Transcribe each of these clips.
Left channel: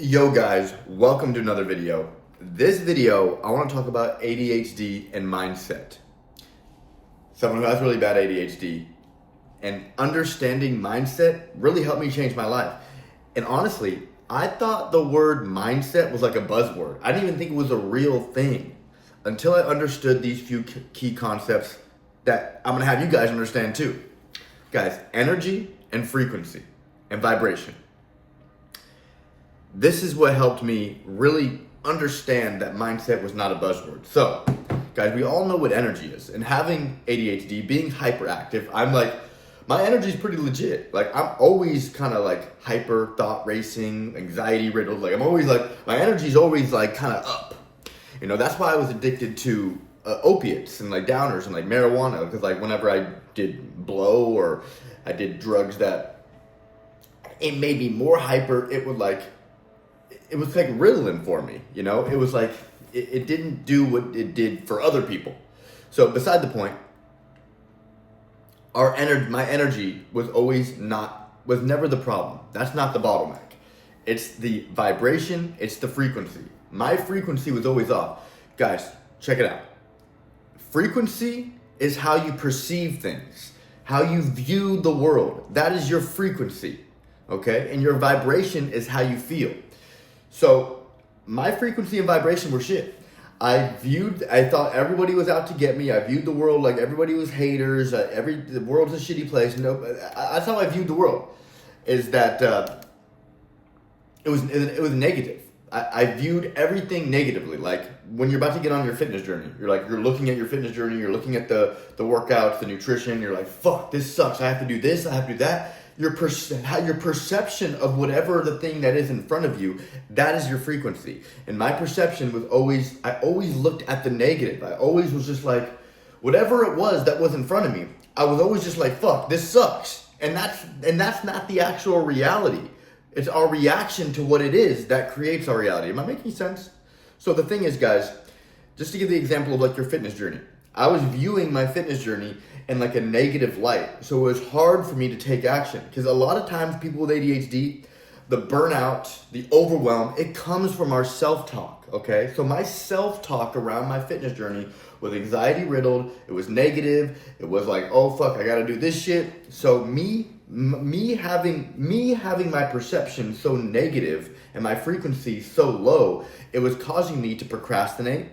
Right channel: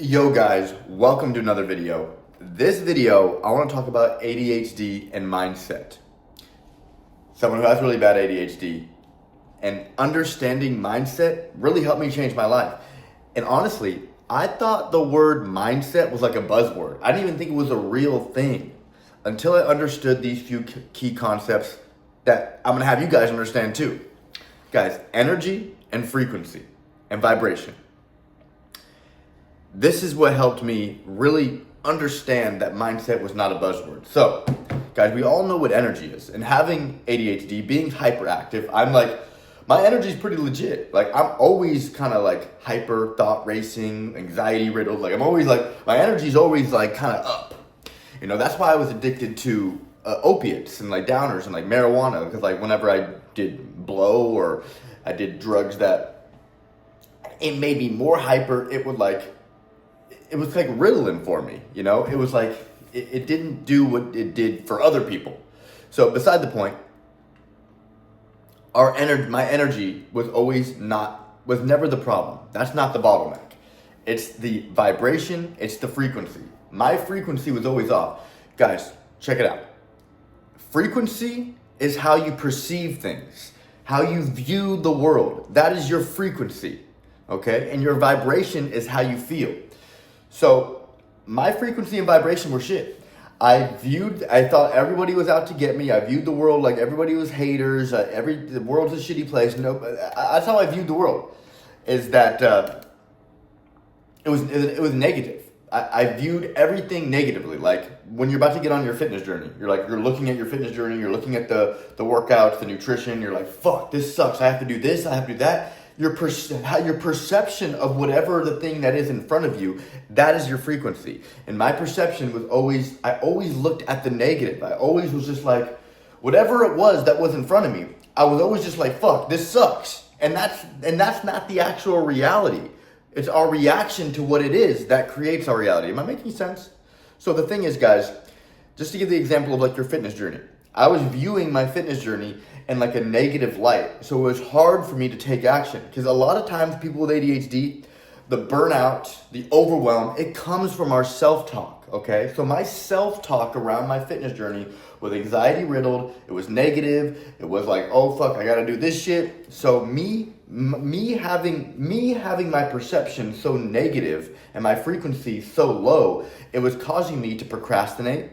Yo guys, welcome to another video. This video, I want to talk about ADHD and mindset. Someone who has really bad ADHD and understanding mindset really helped me change my life. And honestly, I thought the word mindset was like a buzzword. I didn't even think it was a real thing until I understood these few key concepts that I'm going to have you guys understand too. Guys, energy and frequency and vibration. This is what helped me really understand that mindset was not a buzzword. So, guys, we all know what energy is. And having ADHD, being hyperactive, I'm like, my energy is pretty legit. Like, I'm always kind of like hyper, thought racing, anxiety riddled. Like, I'm always like, my energy is always like kind of up. You know, that's why I was addicted to opiates and like downers and like marijuana. Because like whenever I did blow or I did drugs that it made me more hyper, it was like Ritalin for me, you know? It was like, it didn't do what it did for other people. So beside the point, my energy was never the problem. That's not the bottleneck. It's the vibration, it's the frequency. My frequency was always off. Guys, check it out. Frequency is how you perceive things, how you view the world. That is your frequency, okay? And your vibration is how you feel. So my frequency and vibration were shit. I thought everybody was out to get me. I viewed the world like everybody was haters. The world's a shitty place. No, that's how I viewed the world. Is that it was negative. I viewed everything negatively. Like when you're about to get on your fitness journey, you're looking at your fitness journey. You're looking at the workouts, the nutrition. You're like, fuck, this sucks. I have to do this. I have to do that. Your perception of whatever the thing that is in front of you, that is your frequency. And my perception was I always looked at the negative. I always was just like, whatever it was that was in front of me, I was always just like, fuck, this sucks. And that's not the actual reality. It's our reaction to what it is that creates our reality. Am I making sense? So the thing is, guys, just to give the example of like your fitness journey, I was viewing my fitness journey in like a negative light. So it was hard for me to take action because a lot of times people with ADHD, the burnout, the overwhelm, it comes from our self-talk, okay? So my self-talk around my fitness journey was anxiety riddled. It was negative. It was like, oh fuck, I gotta do this shit. So me having my perception so negative and my frequency so low, it was causing me to procrastinate,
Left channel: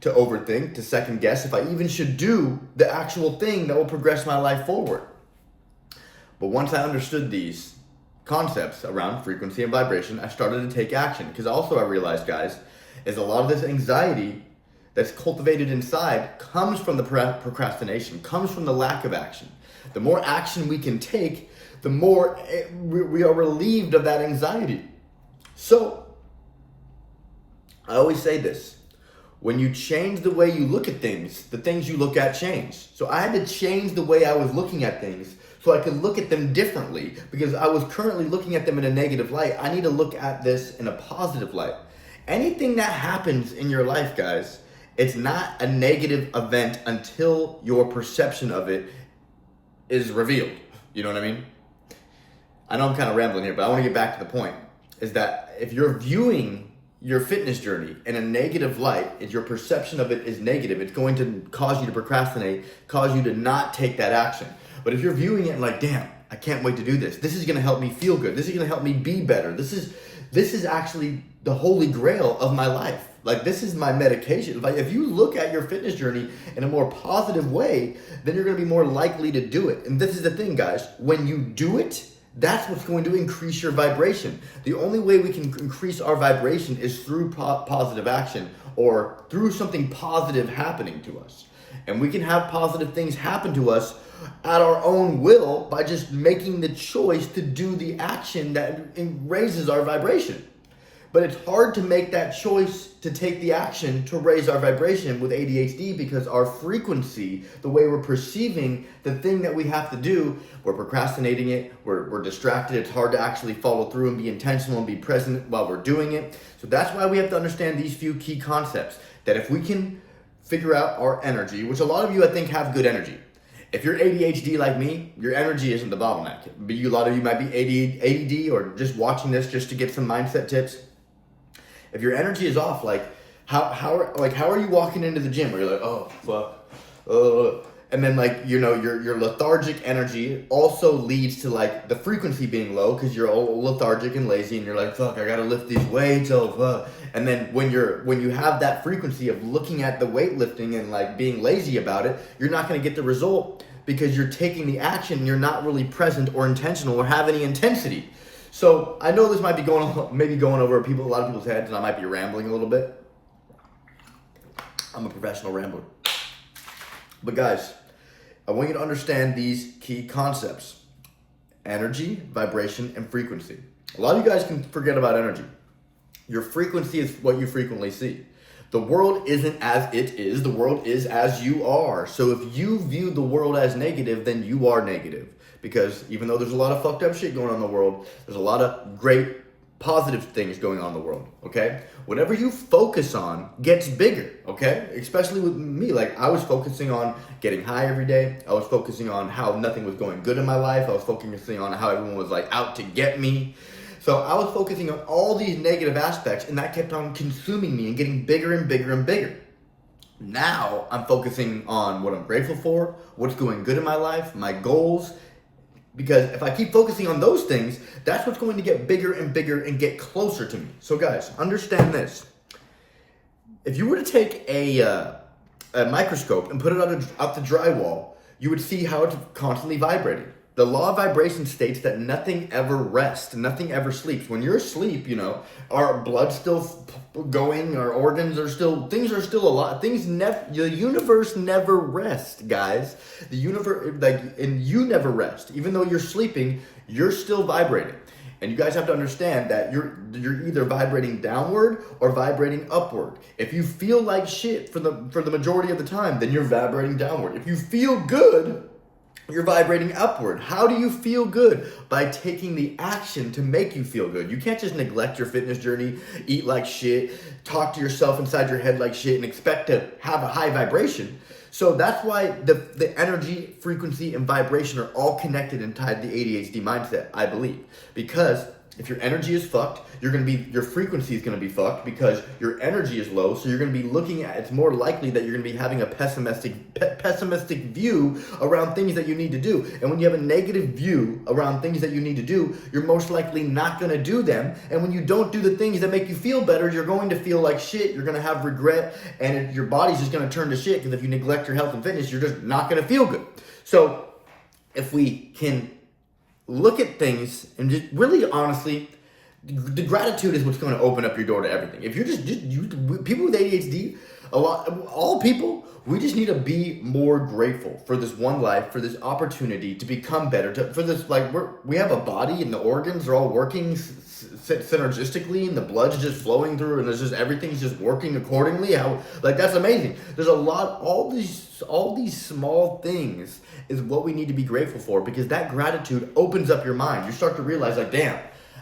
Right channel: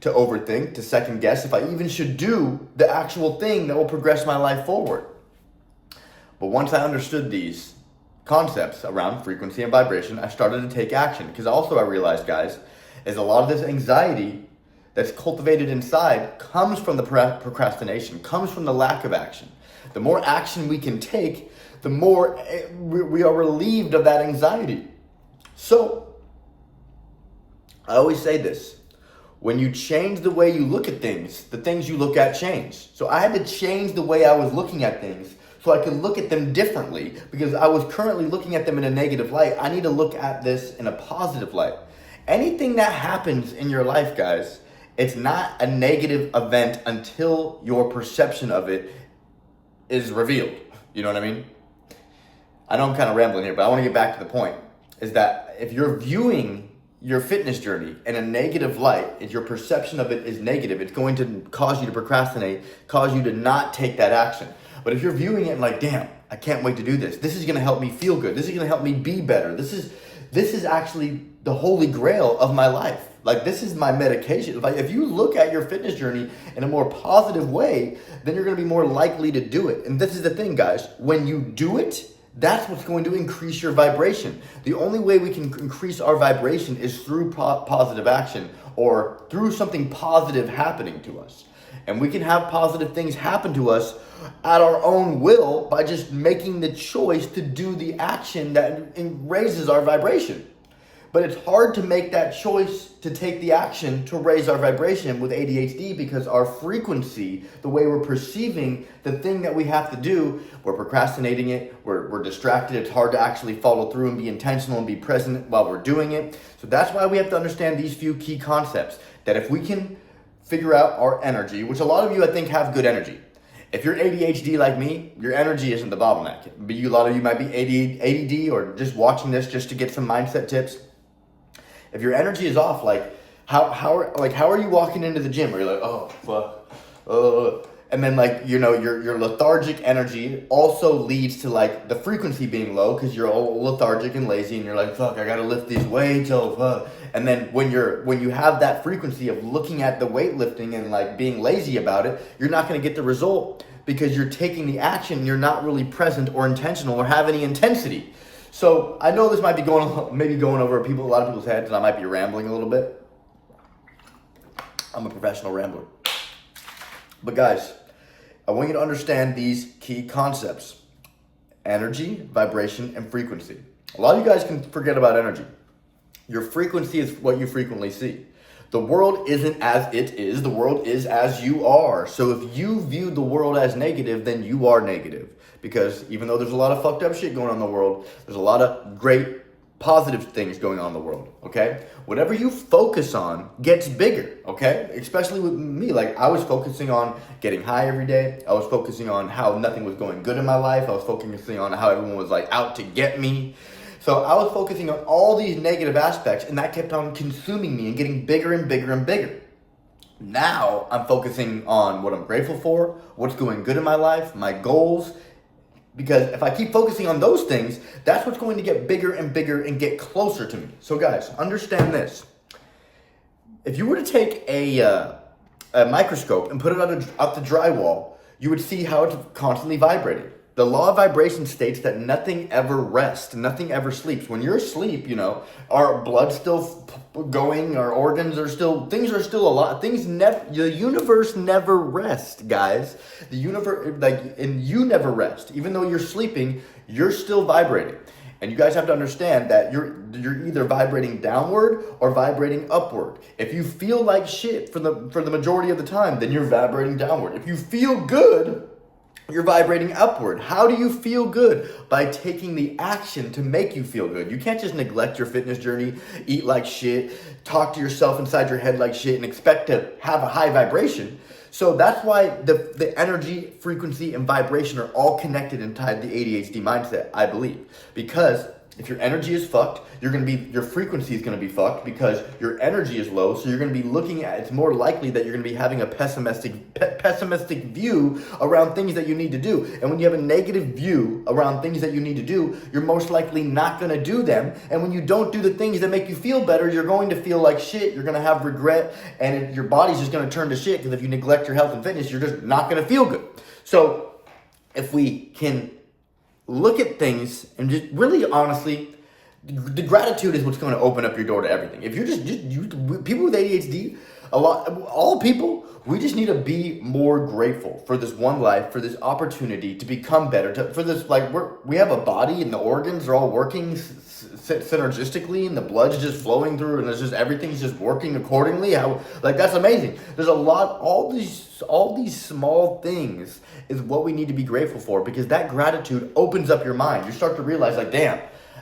to overthink, to second guess if I even should do the actual thing that will progress my life forward. But once I understood these concepts around frequency and vibration, I started to take action. Because also I realized, guys, is a lot of this anxiety that's cultivated inside comes from the procrastination, comes from the lack of action. The more action we can take, the more we are relieved of that anxiety. So, I always say this. When you change the way you look at things, the things you look at change. So I had to change the way I was looking at things so I could look at them differently because I was currently looking at them in a negative light. I need to look at this in a positive light. Anything that happens in your life, guys, it's not a negative event until your perception of it is revealed. You know what I mean? I know I'm kind of rambling here, but I want to get back to the point. Is that if you're viewing your fitness journey in a negative light, if your perception of it is negative, it's going to cause you to procrastinate, cause you to not take that action. But if you're viewing it like, damn, I can't wait to do this. This is going to help me feel good. This is going to help me be better. This is actually the holy grail of my life. Like, this is my medication. Like, if you look at your fitness journey in a more positive way, then you're going to be more likely to do it. And this is the thing, guys. When you do it, that's what's going to increase your vibration. The only way we can increase our vibration is through positive action or through something positive happening to us. And we can have positive things happen to us at our own will by just making the choice to do the action that raises our vibration. But it's hard to make that choice to take the action to raise our vibration with ADHD because our frequency, the way we're perceiving the thing that we have to do, we're procrastinating it, we're distracted. It's hard to actually follow through and be intentional and be present while we're doing it. So that's why we have to understand these few key concepts. That if we can figure out our energy, which a lot of you I think have good energy. If you're ADHD like me, your energy isn't the bottleneck. But a lot of you might be ADD or just watching this just to get some mindset tips. If your energy is off, like how are you walking into the gym where you're like, oh fuck, and then like, you know, your lethargic energy also leads to like the frequency being low because you're all lethargic and lazy and you're like, fuck, I gotta lift these weights, oh fuck. And then when you have that frequency of looking at the weightlifting and like being lazy about it, you're not gonna get the result because you're taking the action, you're not really present or intentional or have any intensity. So I know this might be going over a lot of people's heads, and I might be rambling a little bit. I'm a professional rambler. But guys, I want you to understand these key concepts: energy, vibration, and frequency. A lot of you guys can forget about energy. Your frequency is what you frequently see. The world isn't as it is, the world is as you are. So if you view the world as negative, then you are negative. Because even though there's a lot of fucked up shit going on in the world, there's a lot of great positive things going on in the world, okay? Whatever you focus on gets bigger, okay? Especially with me, like I was focusing on getting high every day. I was focusing on how nothing was going good in my life. I was focusing on how everyone was like out to get me. So I was focusing on all these negative aspects, and that kept on consuming me and getting bigger and bigger and bigger. Now I'm focusing on what I'm grateful for, what's going good in my life, my goals. Because if I keep focusing on those things, that's what's going to get bigger and bigger and get closer to me. So guys, understand this. If you were to take a microscope and put it out the drywall, you would see how it's constantly vibrating. The law of vibration states that nothing ever rests, nothing ever sleeps. When you're asleep, you know, our blood's still going, our organs are still, things are still alive. The universe never rests, guys. The universe, and you never rest. Even though you're sleeping, you're still vibrating. And you guys have to understand that you're either vibrating downward or vibrating upward. If you feel like shit for the majority of the time, then you're vibrating downward. If you feel good, you're vibrating upward. How do you feel good? By taking the action to make you feel good. You can't just neglect your fitness journey, eat like shit, talk to yourself inside your head like shit, and expect to have a high vibration. So that's why the energy, frequency, and vibration are all connected and tied to the ADHD mindset, I believe. Because if your energy is fucked, your frequency is going to be fucked because your energy is low. So you're going to be looking at, it's more likely that you're going to be having a pessimistic view around things that you need to do. And when you have a negative view around things that you need to do, you're most likely not going to do them. And when you don't do the things that make you feel better, you're going to feel like shit. You're going to have regret, and your body's just going to turn to shit because if you neglect your health and fitness, you're just not going to feel good. So if we can look at things and just really honestly, the gratitude is what's going to open up your door to everything. If you're people with ADHD, all people, we just need to be more grateful for this one life, for this opportunity to become better, for this, like, we have a body and the organs are all working synergistically and the blood's just flowing through and everything's just working accordingly. That's amazing. There's a lot, all these small things is what we need to be grateful for, because that gratitude opens up your mind. You start to realize, like, damn,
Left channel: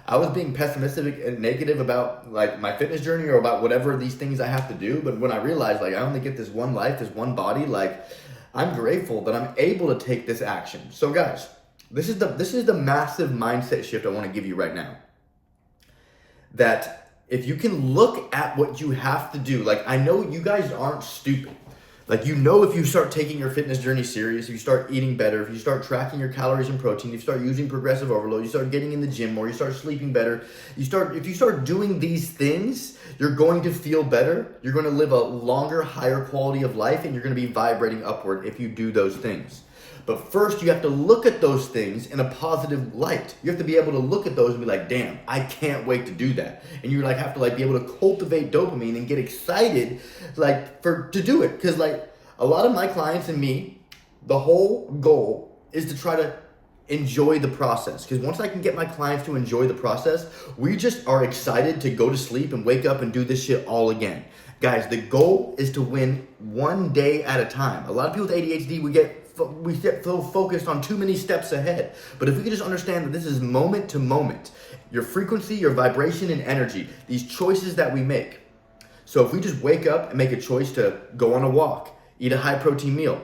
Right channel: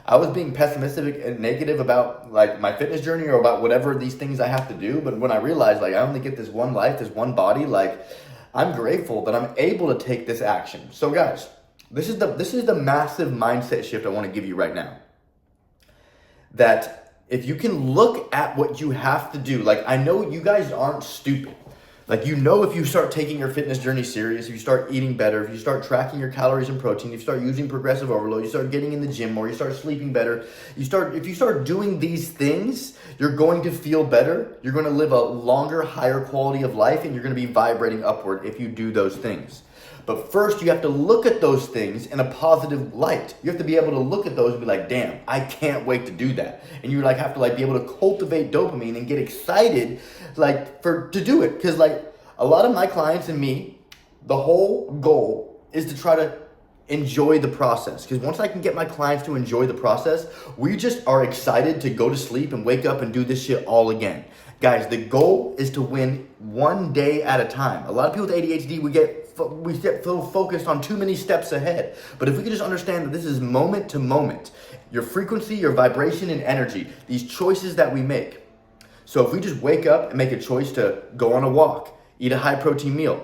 I was being pessimistic and negative about like my fitness journey or about whatever these things I have to do. But when I realized like I only get this one life, this one body, like I'm grateful that I'm able to take this action. So guys, this is the massive mindset shift I want to give you right now. That if you can look at what you have to do, like I know you guys aren't stupid. Like, you know, if you start taking your fitness journey serious, if you start eating better, if you start tracking your calories and protein, if you start using progressive overload, you start getting in the gym more, you start sleeping better, if you start doing these things, you're going to feel better, you're going to live a longer, higher quality of life, and you're going to be vibrating upward if you do those things. But first, you have to look at those things in a positive light. You have to be able to look at those and be like, damn, I can't wait to do that. And you like have to like be able to cultivate dopamine and get excited like to do it. Because like a lot of my clients and me, the whole goal is to try to enjoy the process. Because once I can get my clients to enjoy the process, we just are excited to go to sleep and wake up and do this shit all again. Guys, the goal is to win one day at a time. A lot of people with ADHD, we get so focused on too many steps ahead. But if we can just understand that this is moment to moment, your frequency, your vibration, and energy, these choices that we make. So if we just wake up and make a choice to go on a walk, eat a high protein meal,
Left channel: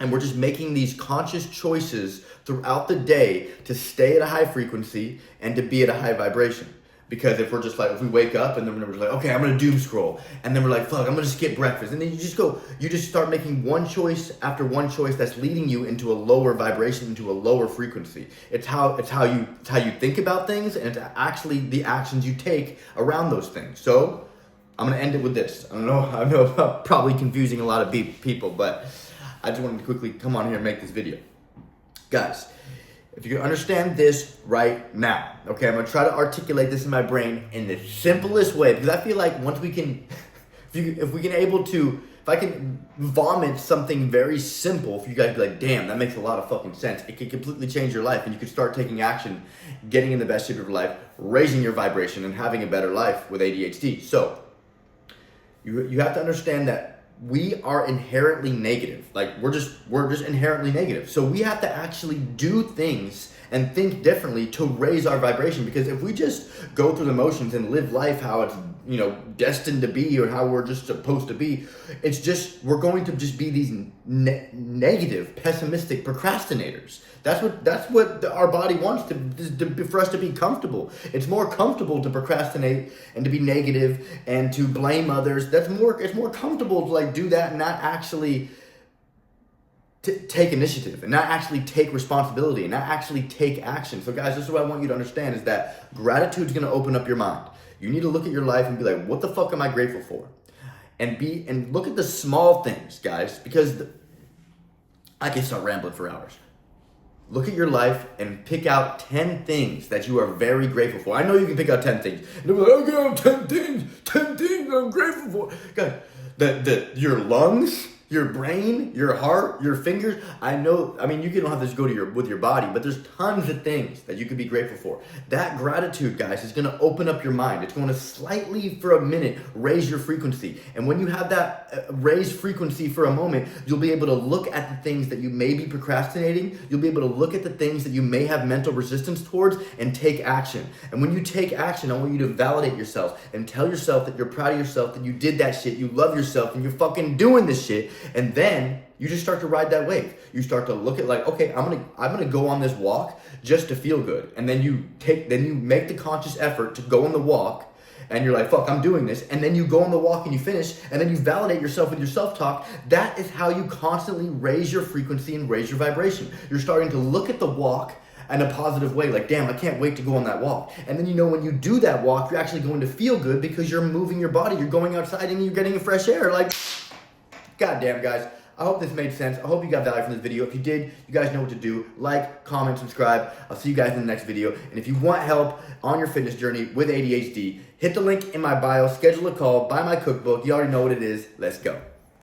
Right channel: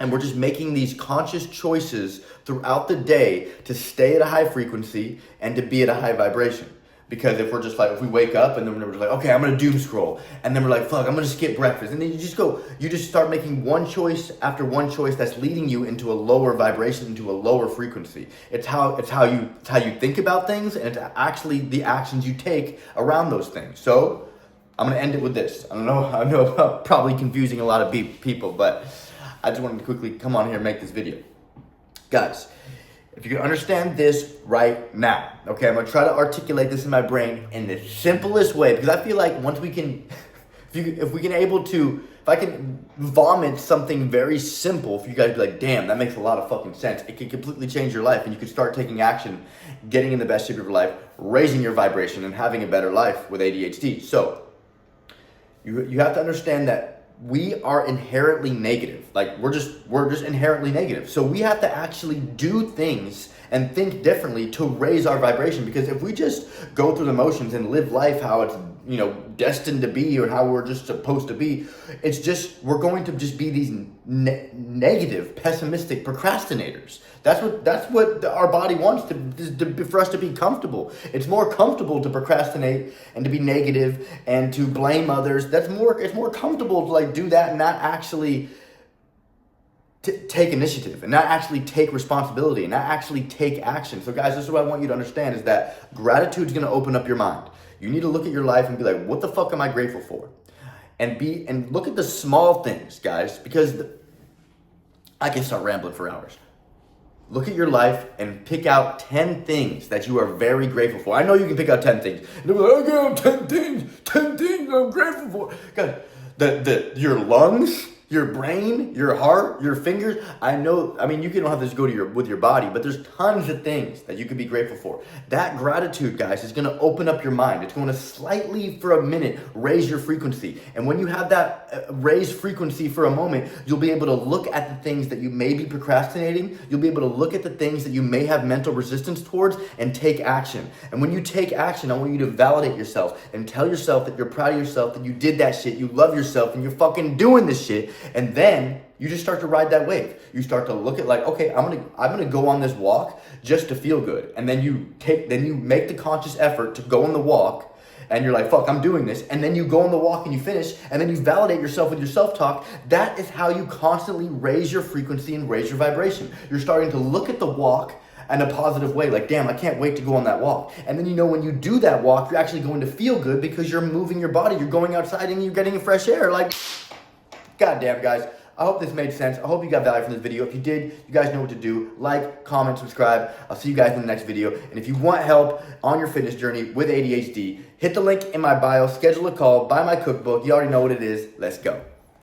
and we're just making these conscious choices throughout the day to stay at a high frequency and to be at a high vibration. Because if we're just like, if we wake up and then we're just like, okay, I'm gonna doom scroll, and then we're like, fuck, I'm gonna skip breakfast, and then you just start making one choice after one choice that's leading you into a lower vibration, into a lower frequency. It's how you think about things, and it's actually the actions you take around those things. So I'm gonna end it with this. I know I'm probably confusing a lot of people, but I just wanted to quickly come on here and make this video. Guys, if you can understand this right now, okay, I'm gonna try to articulate this in my brain in the simplest way, because I feel like once we can, if I can vomit something very simple, for you guys to be like, damn, that makes a lot of fucking sense. It can completely change your life, and you can start taking action, getting in the best shape of your life, raising your vibration, and having a better life with ADHD. So, you have to understand that we are inherently negative. Like we're just inherently negative. So we have to actually do things and think differently to raise our vibration. Because if we just go through the motions and live life how it's, destined to be, or how we're just supposed to be, we're going to just be these negative, pessimistic procrastinators. That's what our body wants for us to be comfortable. It's more comfortable to procrastinate and to be negative and to blame others. It's more comfortable to like do that and not actually take initiative and not actually take responsibility and not actually take action. So guys, this is what I want you to understand, is that gratitude is going to open up your mind. You need to look at your life and be like, what the fuck am I grateful for? And look at the small things, guys, because I can start rambling for hours. Look at your life and pick out 10 things that you are very grateful for. I know you can pick out 10 things. And they're like, I got 10 things I'm grateful for. Guys, your lungs, your brain, your heart, your fingers. You can have this go to with your body, but there's tons of things that you can be grateful for. That gratitude, guys, is going to open up your mind. It's going to slightly, for a minute, raise your frequency. And when you have that raised frequency for a moment, you'll be able to look at the things that you may be procrastinating. You'll be able to look at the things that you may have mental resistance towards and take action. And when you take action, I want you to validate yourself and tell yourself that you're proud of yourself, that you did that shit, you love yourself, and you're fucking doing this shit. And then you just start to ride that wave. You start to look at like, okay, I'm gonna go on this walk just to feel good. And then you make the conscious effort to go on the walk, and you're like, fuck, I'm doing this. And then you go on the walk and you finish, and then you validate yourself with your self-talk. That is how you constantly raise your frequency and raise your vibration. You're starting to look at the walk in a positive way, like, damn, I can't wait to go on that walk. And then when you do that walk, you're actually going to feel good because you're moving your body, you're going outside and you're getting fresh air. Like, goddamn, guys, I hope this made sense. I hope you got value from this video. If you did, you guys know what to do. Like, comment, subscribe. I'll see you guys in the next video. And if you want help on your fitness journey with ADHD, hit the link in my bio, schedule a call, buy my cookbook. You already know what it is. Let's go.